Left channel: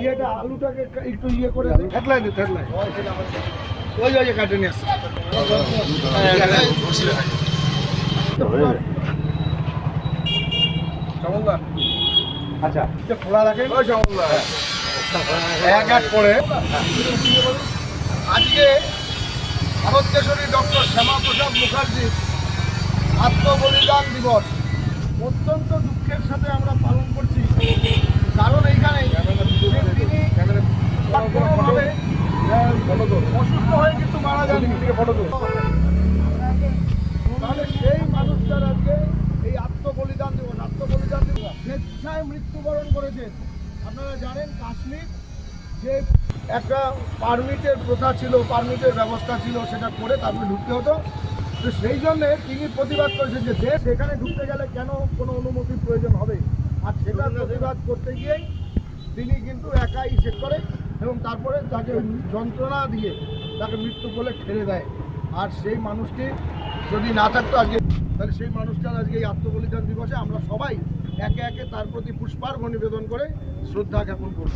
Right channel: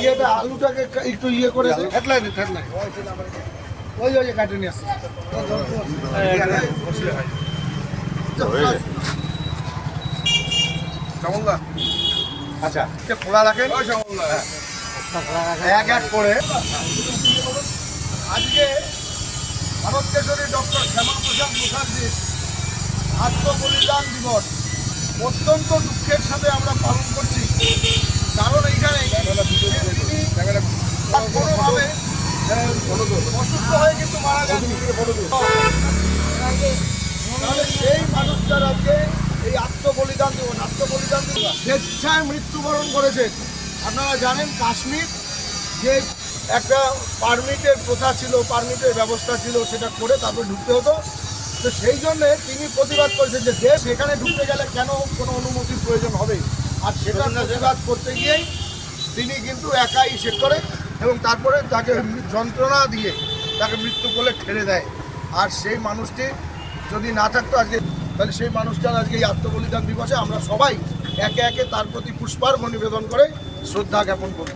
ইয়েটা আলুটাকে একটু ইয়ে করে হেডলাইন হেডলাইন। ওই ওই কাটে নিয়ে আসছে। আচ্ছা খোলা রাখেন? এক এক করে। আজকে ভারত কেশরী ডক্টর আত্মবলিদান দিবস। অত্যন্ত দুঃখের সাথে আমরা পালন করছি। কারণ এইখানে তিনি কোনোভাবে অসুস্থ হয়ে কিন্তু মারা যাননি তাহলে সেই মানুষটার আজকে এই আত্মবলিদান দিবস আত্মবলিদান দিবস। স্বেচ্ছায় মৃত্যুবরণ করেছে। আপনারা জানেন কাশ্মীর যে একটা পারমিটের প্রথা ছিল পারমিটের ব্যবস্থা ছিল সেটা করে তারপরে ঢুকতে হতো। তো সেই জন্যে তিনি যে দেশ এখানে ঢুকতে গেলে কেন কোনো অনুমতির প্রয়োজন হবে? আর সেটা প্রতিবাদ করতে গিয়েই তিনি কিন্তু একাই সে করে এবং তারপরে তাকে যন্ত্রণা দিয়ে তাকে মৃত্যু কোলে ঠেলে দেয়। আর সেই মানুষটি যদি না থাকতো আজকে, তাহলে সেই মানুষটার আজকে এই আত্মবলিদান দিবসে আমরা সবাই একে একে তার প্রতি পুষ্পার্ঘ নিবেদন করে শ্রদ্ধা জ্ঞাপন করি